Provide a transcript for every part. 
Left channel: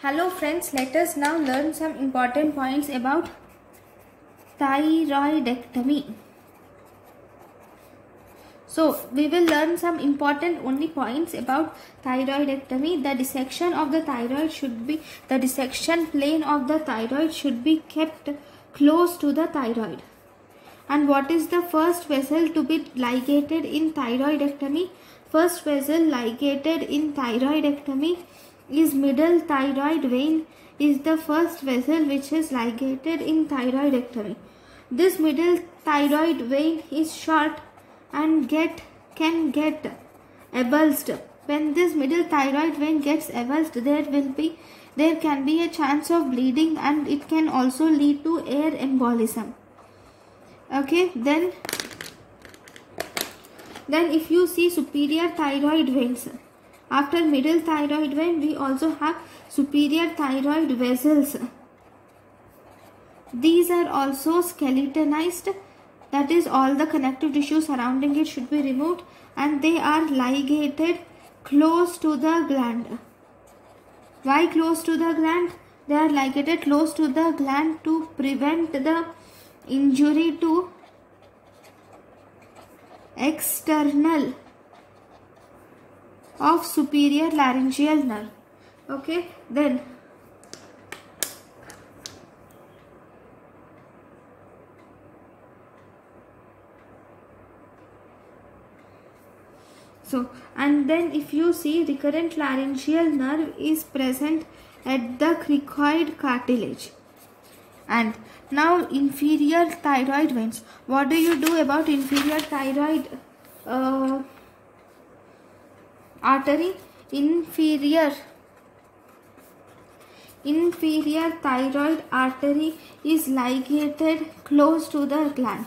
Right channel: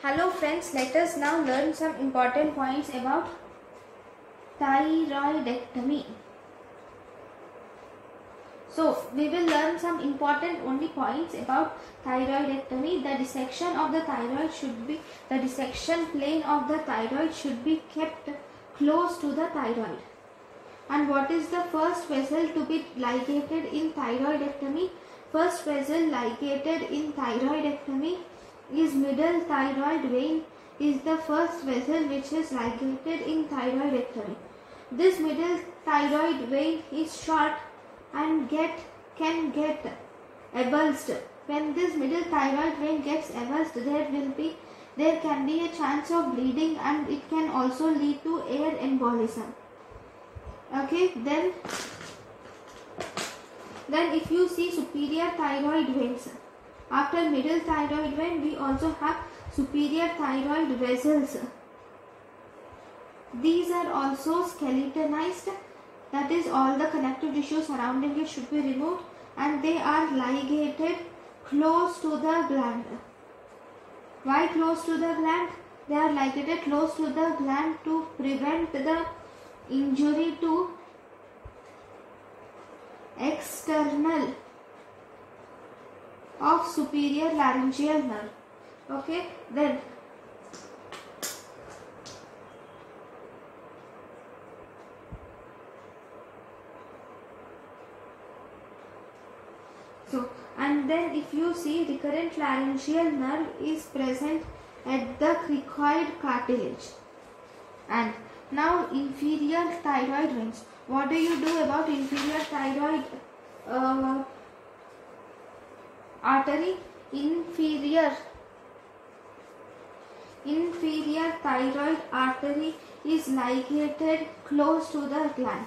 Hello friends, let us now learn some important points about thyroidectomy. So we will learn some important only points about thyroidectomy. The dissection of the thyroid should be, the dissection plane of the thyroid should be kept close to the thyroid. And what is the first vessel to be ligated in thyroidectomy? First vessel ligated in thyroidectomy is middle thyroid vein, is the first vessel which is ligated in thyroidectomy. This middle thyroid vein is short and can get avulsed. When this middle thyroid vein gets avulsed, there can be a chance of bleeding, and it can also lead to air embolism. Okay, then if you see superior thyroid veins, after middle thyroid vein we also have superior thyroid vessels. These are also skeletonized, that is, all the connective tissue surrounding it should be removed, and they are ligated close to the gland. Why close to the gland? They are ligated close to the gland to prevent the injury to external of superior laryngeal nerve. Okay, then if you see, recurrent laryngeal nerve is present at the cricoid cartilage. And now inferior thyroid veins. What do you do about inferior thyroid artery? Inferior thyroid artery is ligated close to the gland.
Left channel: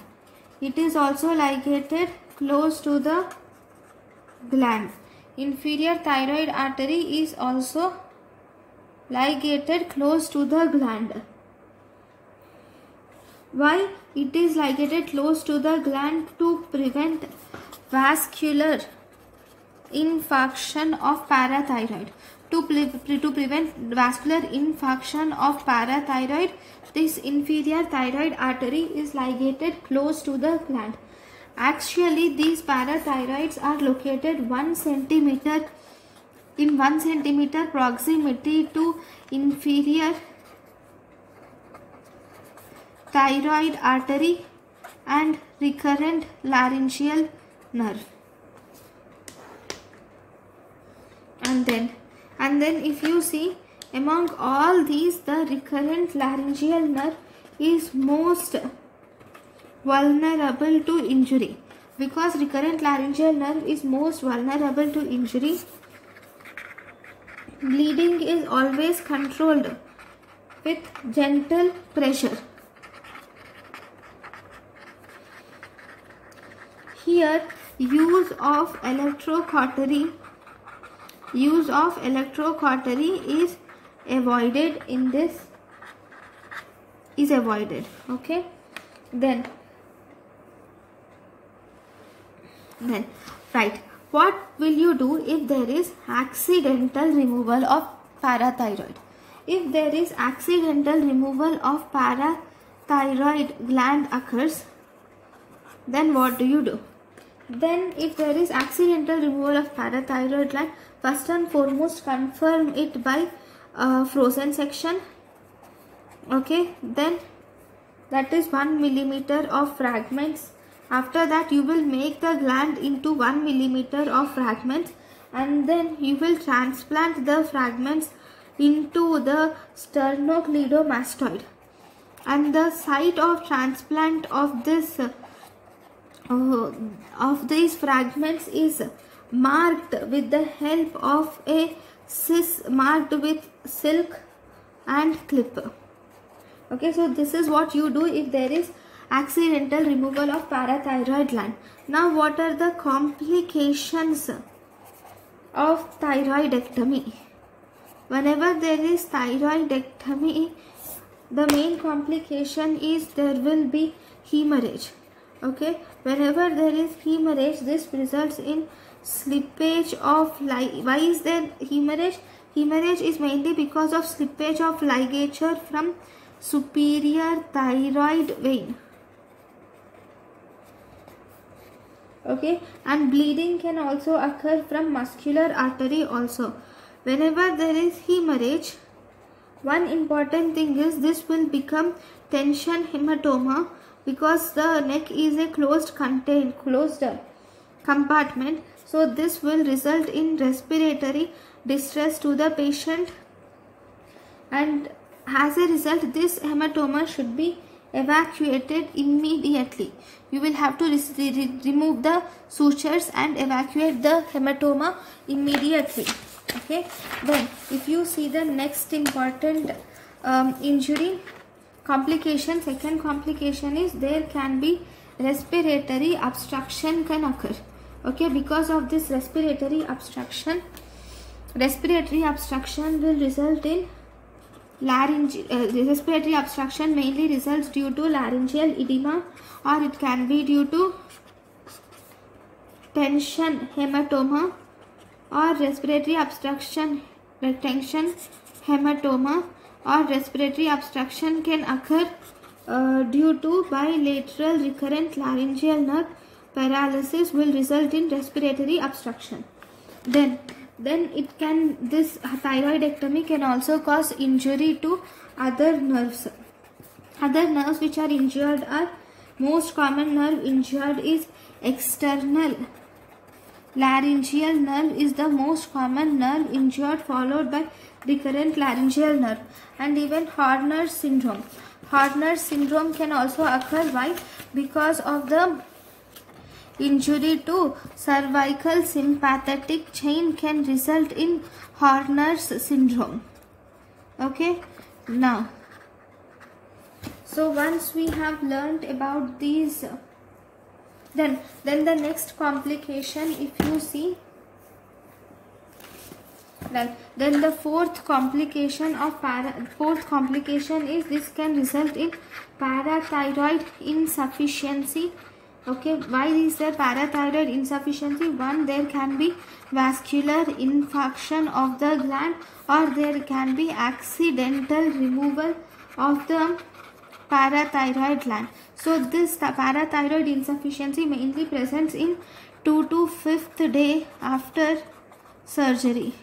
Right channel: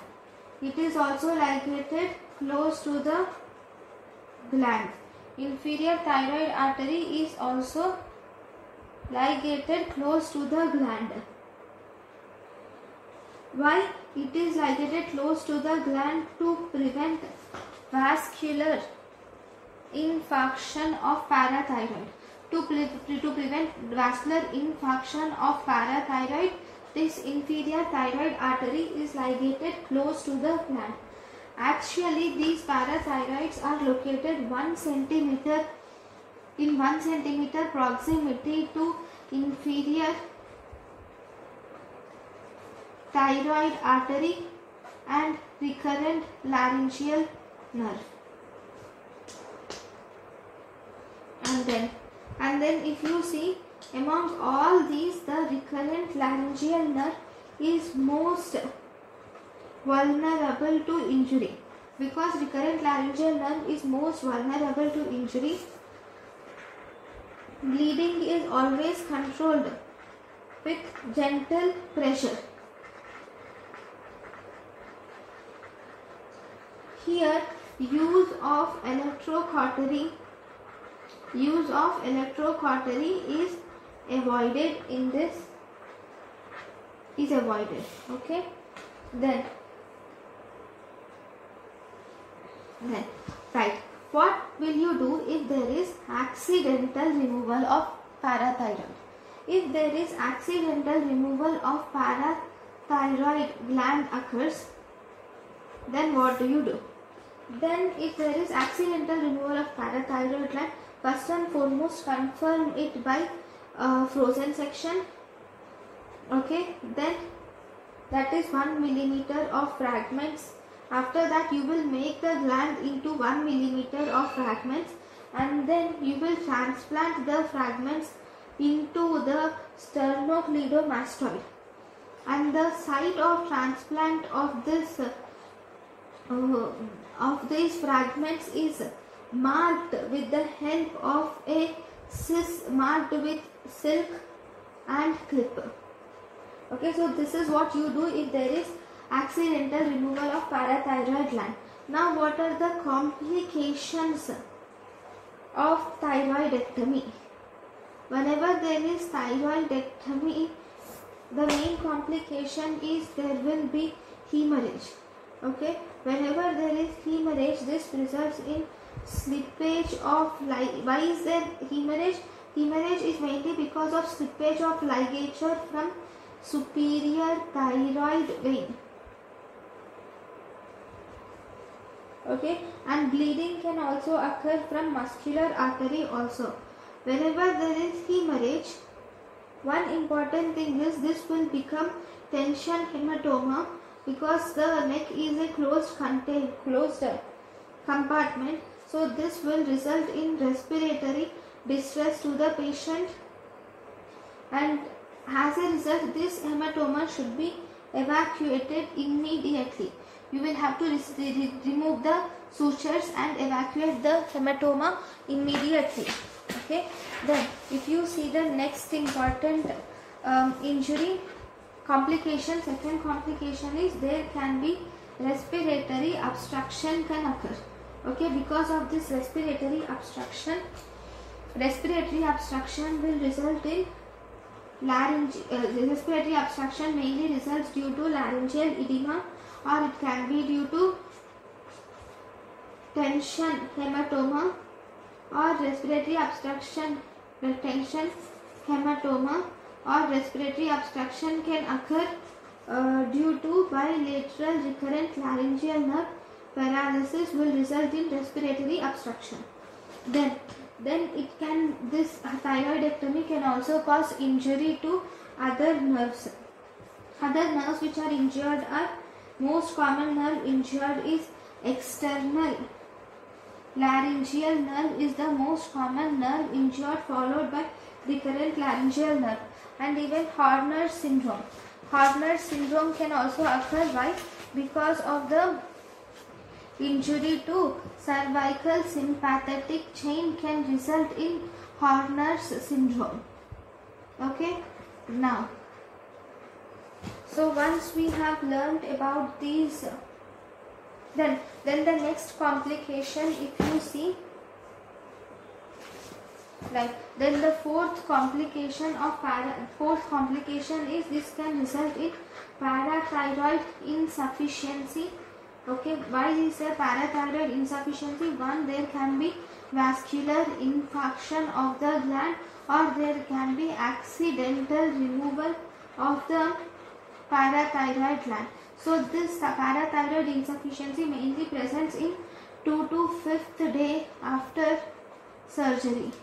It is also ligated close to the gland. Inferior thyroid artery is also ligated close to the gland. Why it is ligated close to the gland? To prevent vascular infarction of parathyroid. To prevent vascular infarction of parathyroid, this inferior thyroid artery is ligated close to the gland. Actually, these parathyroids are located 1 centimeter in 1 centimeter proximity to inferior thyroid artery and recurrent laryngeal nerve. And then if you see, among all these, the recurrent laryngeal nerve is most vulnerable to injury. Because recurrent laryngeal nerve is most vulnerable to injury, bleeding is always controlled with gentle pressure. Here, use of electrocautery is avoided in this, is avoided. Okay, then right, what will you do if there is accidental removal of parathyroid? If there is accidental removal of parathyroid gland occurs, then what do you do? Then if there is accidental removal of parathyroid gland, first and foremost confirm it by frozen section. Okay, then that is 1 millimeter of fragments. After that, you will make the gland into 1 millimeter of fragments, and then you will transplant the fragments into the sternocleidomastoid. And the site of transplant of these fragments is marked with the help of a marked with silk and clip. Okay, so this is what you do if there is accidental removal of parathyroid gland. Now, what are the complications of thyroidectomy? Whenever there is thyroidectomy, the main complication is there will be hemorrhage. Okay, whenever there is hemorrhage, this results in slippage of life. Why is there hemorrhage? Hemorrhage is mainly because of slippage of ligature from superior thyroid vein. Okay, and bleeding can also occur from muscular artery also. Whenever there is hemorrhage, one important thing is this will become tension hematoma, because the neck is a closed compartment. So this will result in respiratory distress to the patient, and as a result this hematoma should be evacuated immediately. You will have to remove the sutures and evacuate the hematoma immediately. Okay, then if you see the next important injury complication, second complication is there can be respiratory obstruction can occur. Okay, because of this respiratory obstruction will result in respiratory obstruction mainly results due to laryngeal edema, or it can be due to tension hematoma, or respiratory obstruction tension hematoma, or respiratory obstruction can occur due to bilateral recurrent laryngeal nerve paralysis will result in respiratory obstruction. Then this thyroidectomy can also cause injury to other nerves. Other nerves which are injured are, most common nerve injured is external laryngeal nerve is the most common nerve injured, followed by recurrent laryngeal nerve, and even Horner's syndrome. Horner's syndrome can also occur. Why? Because of the injury to cervical sympathetic chain can result in Horner's syndrome. Okay, now, so once we have learned about these, then the next complication, if you see, right, then the fourth complication is this can result in parathyroid insufficiency. Okay, why is there parathyroid insufficiency? One, there can be vascular infarction of the gland, or there can be accidental removal of the parathyroid gland. So this parathyroid insufficiency mainly presents in 2 to 5th day after surgery.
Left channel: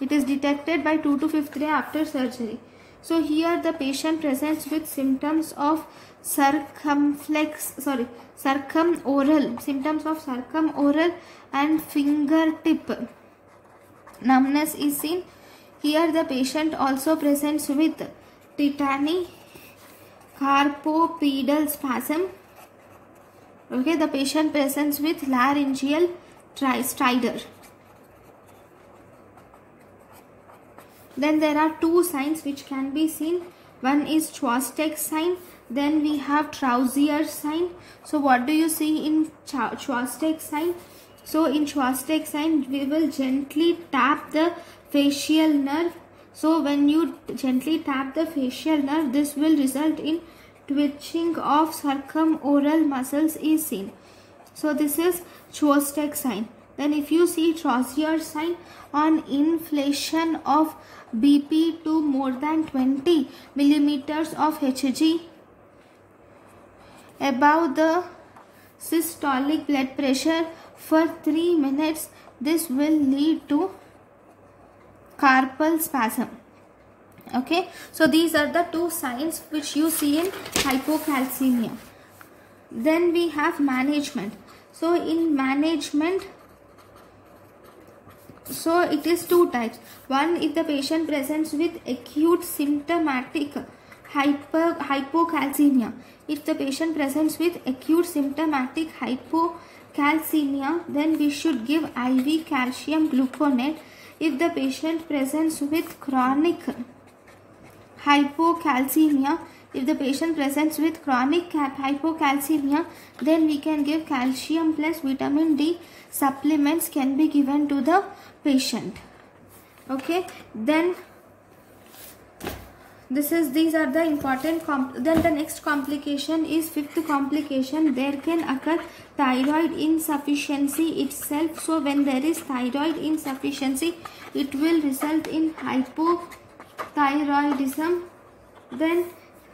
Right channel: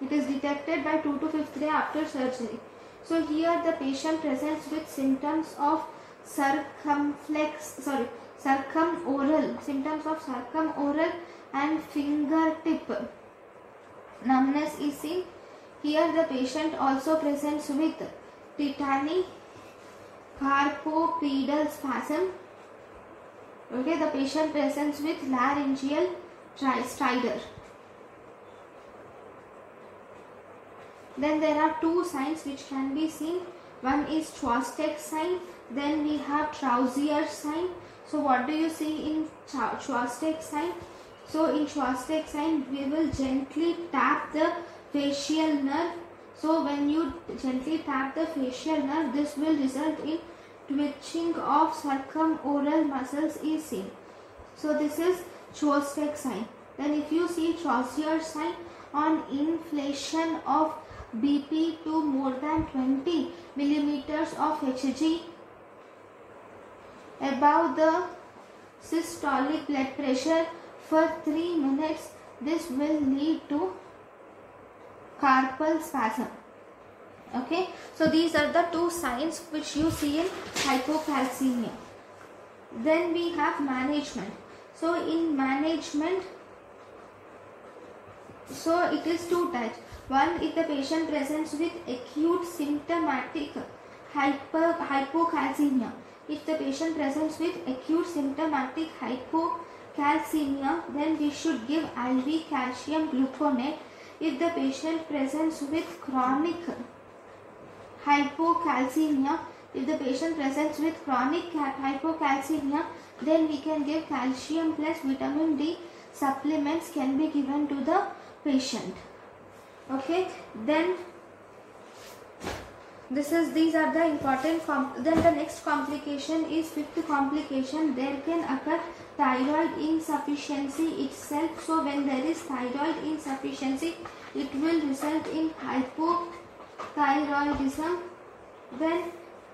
It is detected by 2 to 5th day after surgery. So here the patient presents with symptoms of circumoral and fingertip numbness is seen. Here the patient also presents with tetany, carpopedal spasm. Okay, the patient presents with laryngeal stridor. Then there are two signs which can be seen. One is Chvostek sign, then we have Trousier sign. So what do you see in Chvostek sign? So in Chvostek sign, we will gently tap the facial nerve. So when you gently tap the facial nerve, this will result in twitching of circumoral muscles is seen. So this is Chvostek sign. Then if you see Trousier sign, on inflation of BP to more than 20 millimeters of Hg above the systolic blood pressure for 3 minutes, this will lead to carpal spasm. Okay, so these are the two signs which you see in hypocalcemia. Then we have management. So in management, so it is two types. One, if the patient presents with acute symptomatic hypocalcemia. If the patient presents with acute symptomatic hypocalcemia, then we should give IV calcium gluconate. If the patient presents with chronic hypocalcemia, then we can give calcium plus vitamin D supplements can be given to the patient. Okay, then these are the important then the next complication is fifth complication. There can occur thyroid insufficiency itself. So when there is thyroid insufficiency, it will result in hypothyroidism. Then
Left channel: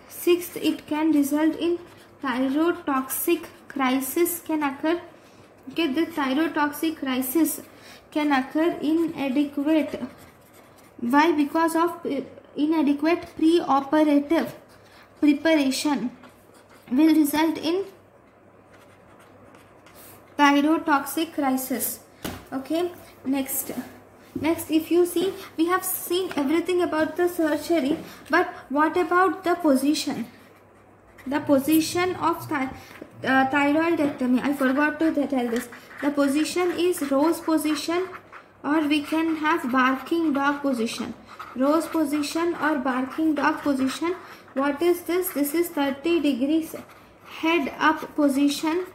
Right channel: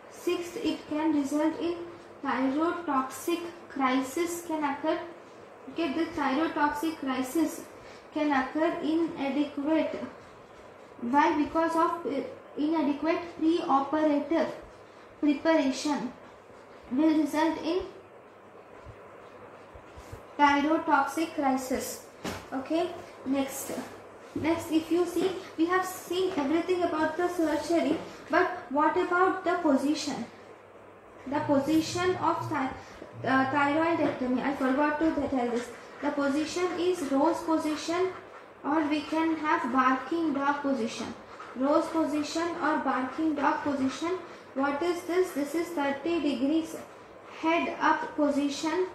sixth, it can result in thyrotoxic crisis can occur. Okay, this thyrotoxic crisis can occur inadequate. Why? Because of inadequate pre-operative preparation will result in thyrotoxic crisis. Okay, next, if you see, we have seen everything about the surgery, but what about the position? The position of thyroidectomy, I forgot to tell this. The position is rose position, or we can have barking dog position. Rose position or barking dog position. What is this? This is 30 degrees head up position,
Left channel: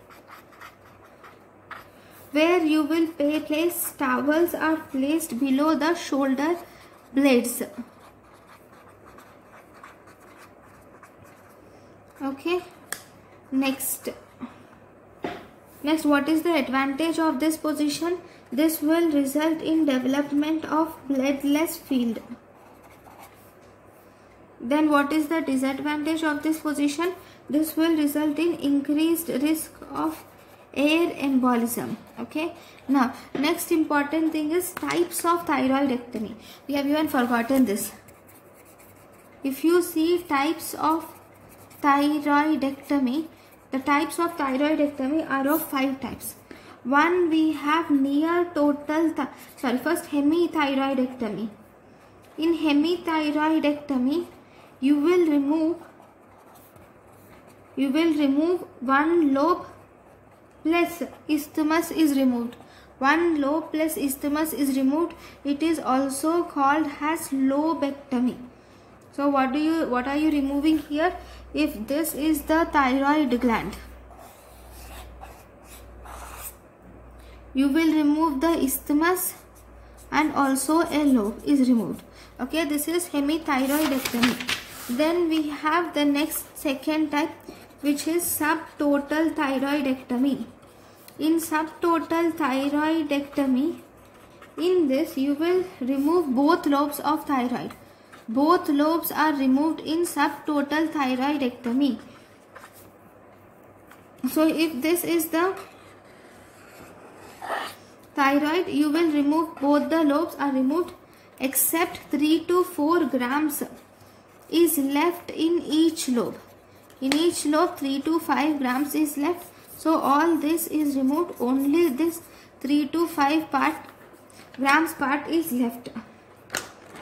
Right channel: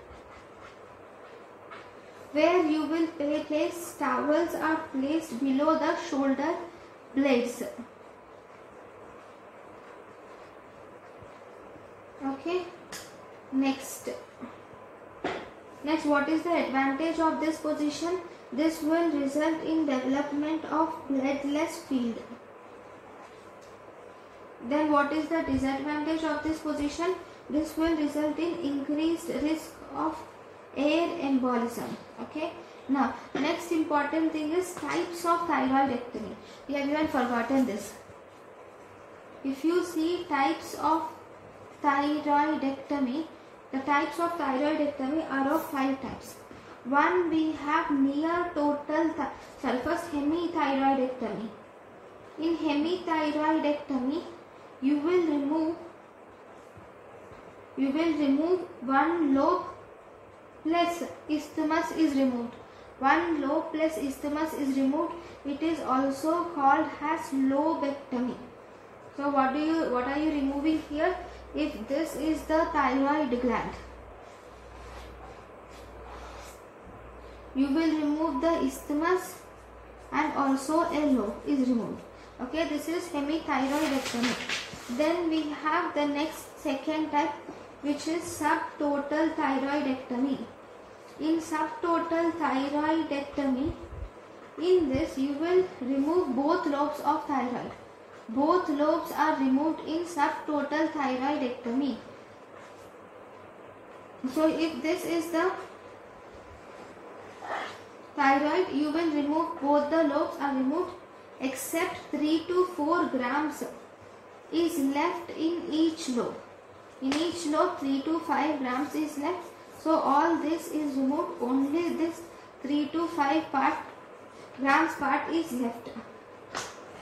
where you will place towels are placed below the shoulder blades. Okay, next, what is the advantage of this position? This will result in development of bloodless field. Then what is the disadvantage of this position? This will result in increased risk of air embolism. Okay, now next important thing is types of thyroidectomy. We have even forgotten this. If you see types of thyroidectomy, the types of thyroidectomy are of 5 types. One, we have first hemithyroidectomy. In hemithyroidectomy, you will remove one lobe plus isthmus is removed. One lobe plus isthmus is removed. It is also called as lobectomy. So what are you removing here? If this is the thyroid gland, you will remove the isthmus and also a lobe is removed. Okay, this is hemithyroidectomy. Then we have the next second type, which is subtotal thyroidectomy. In subtotal thyroidectomy, in this you will remove both lobes of thyroid. Both lobes are removed in subtotal thyroidectomy. So if this is the thyroid, you will remove both the lobes are removed, except 3 to 4 grams is left in each lobe. In each lobe 3 to 5 grams is left. So all this is removed, only this 3 to 5 grams part is left.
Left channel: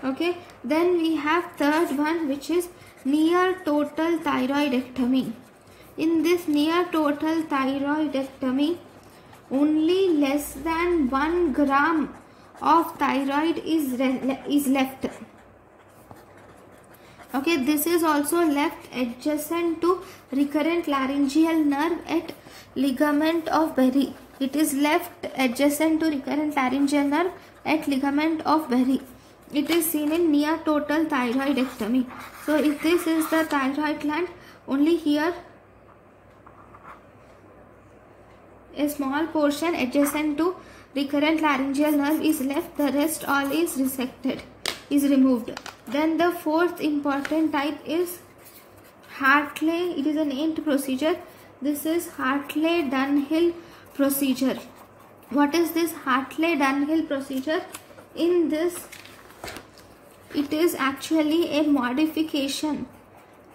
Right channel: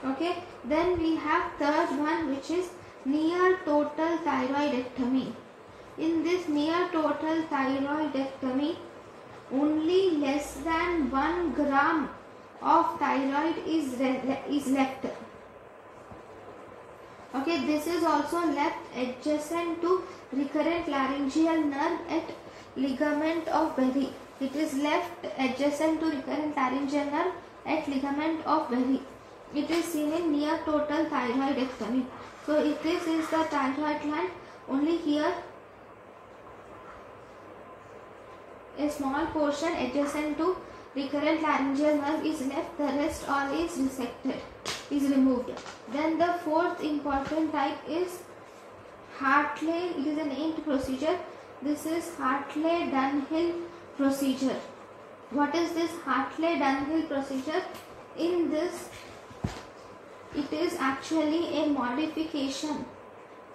Okay, then we have third one, which is near total thyroidectomy. In this near total thyroidectomy, only less than 1 gram of thyroid is left. Okay, this is also left adjacent to recurrent laryngeal nerve at ligament of Berry. It is left adjacent to recurrent laryngeal nerve at ligament of Berry. It is seen in near total thyroidectomy. So if this is the thyroid gland, only here a small portion adjacent to recurrent laryngeal nerve is left, the rest all is resected, is removed. Then the fourth important type is Hartley. It is a named procedure. This is Hartley-Dunhill procedure. What is this Hartley-Dunhill procedure? In this, it is actually a modification.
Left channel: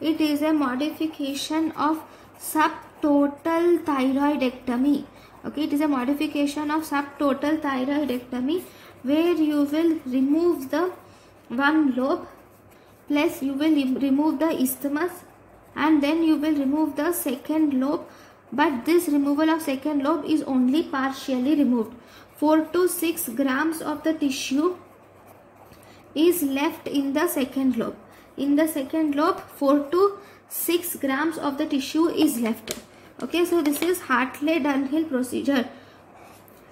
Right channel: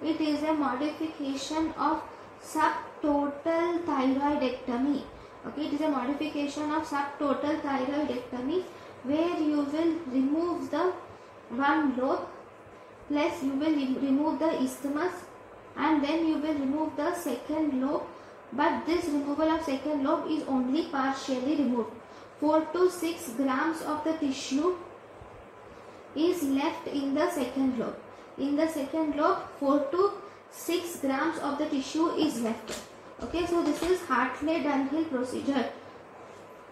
It is a modification of subtotal thyroidectomy. Okay, it is a modification of subtotal thyroidectomy, where you will remove the one lobe, plus you will remove the isthmus, and then you will remove the second lobe. But this removal of second lobe is only partially removed. 4 to 6 grams of the tissue is left in the second lobe. In the second lobe, 4 to 6 grams of the tissue is left. Okay, so this is Hartley-Dunhill procedure.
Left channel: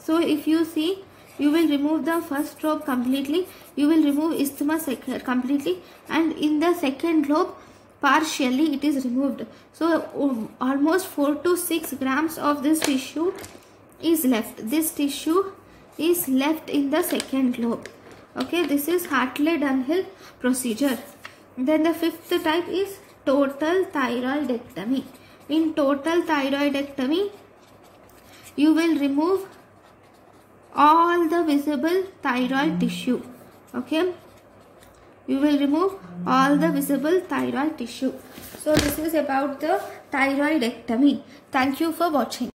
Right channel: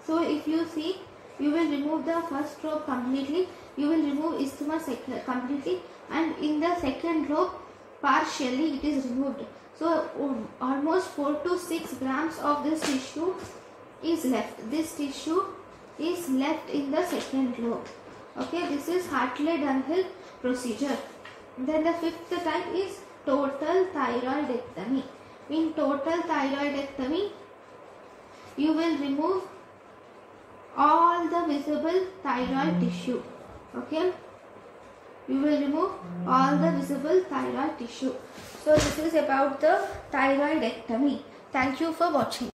So if you see, you will remove the first lobe completely, you will remove isthmus completely, and in the second lobe partially it is removed. So almost 4 to 6 grams of this tissue is left. This tissue is left in the second lobe. Okay, this is Hartley-Dunhill procedure. Then the fifth type is total thyroidectomy. In total thyroidectomy, you will remove all the visible thyroid tissue. Okay, you will remove all the visible thyroid tissue. So this is about the thyroidectomy. Thank you for watching.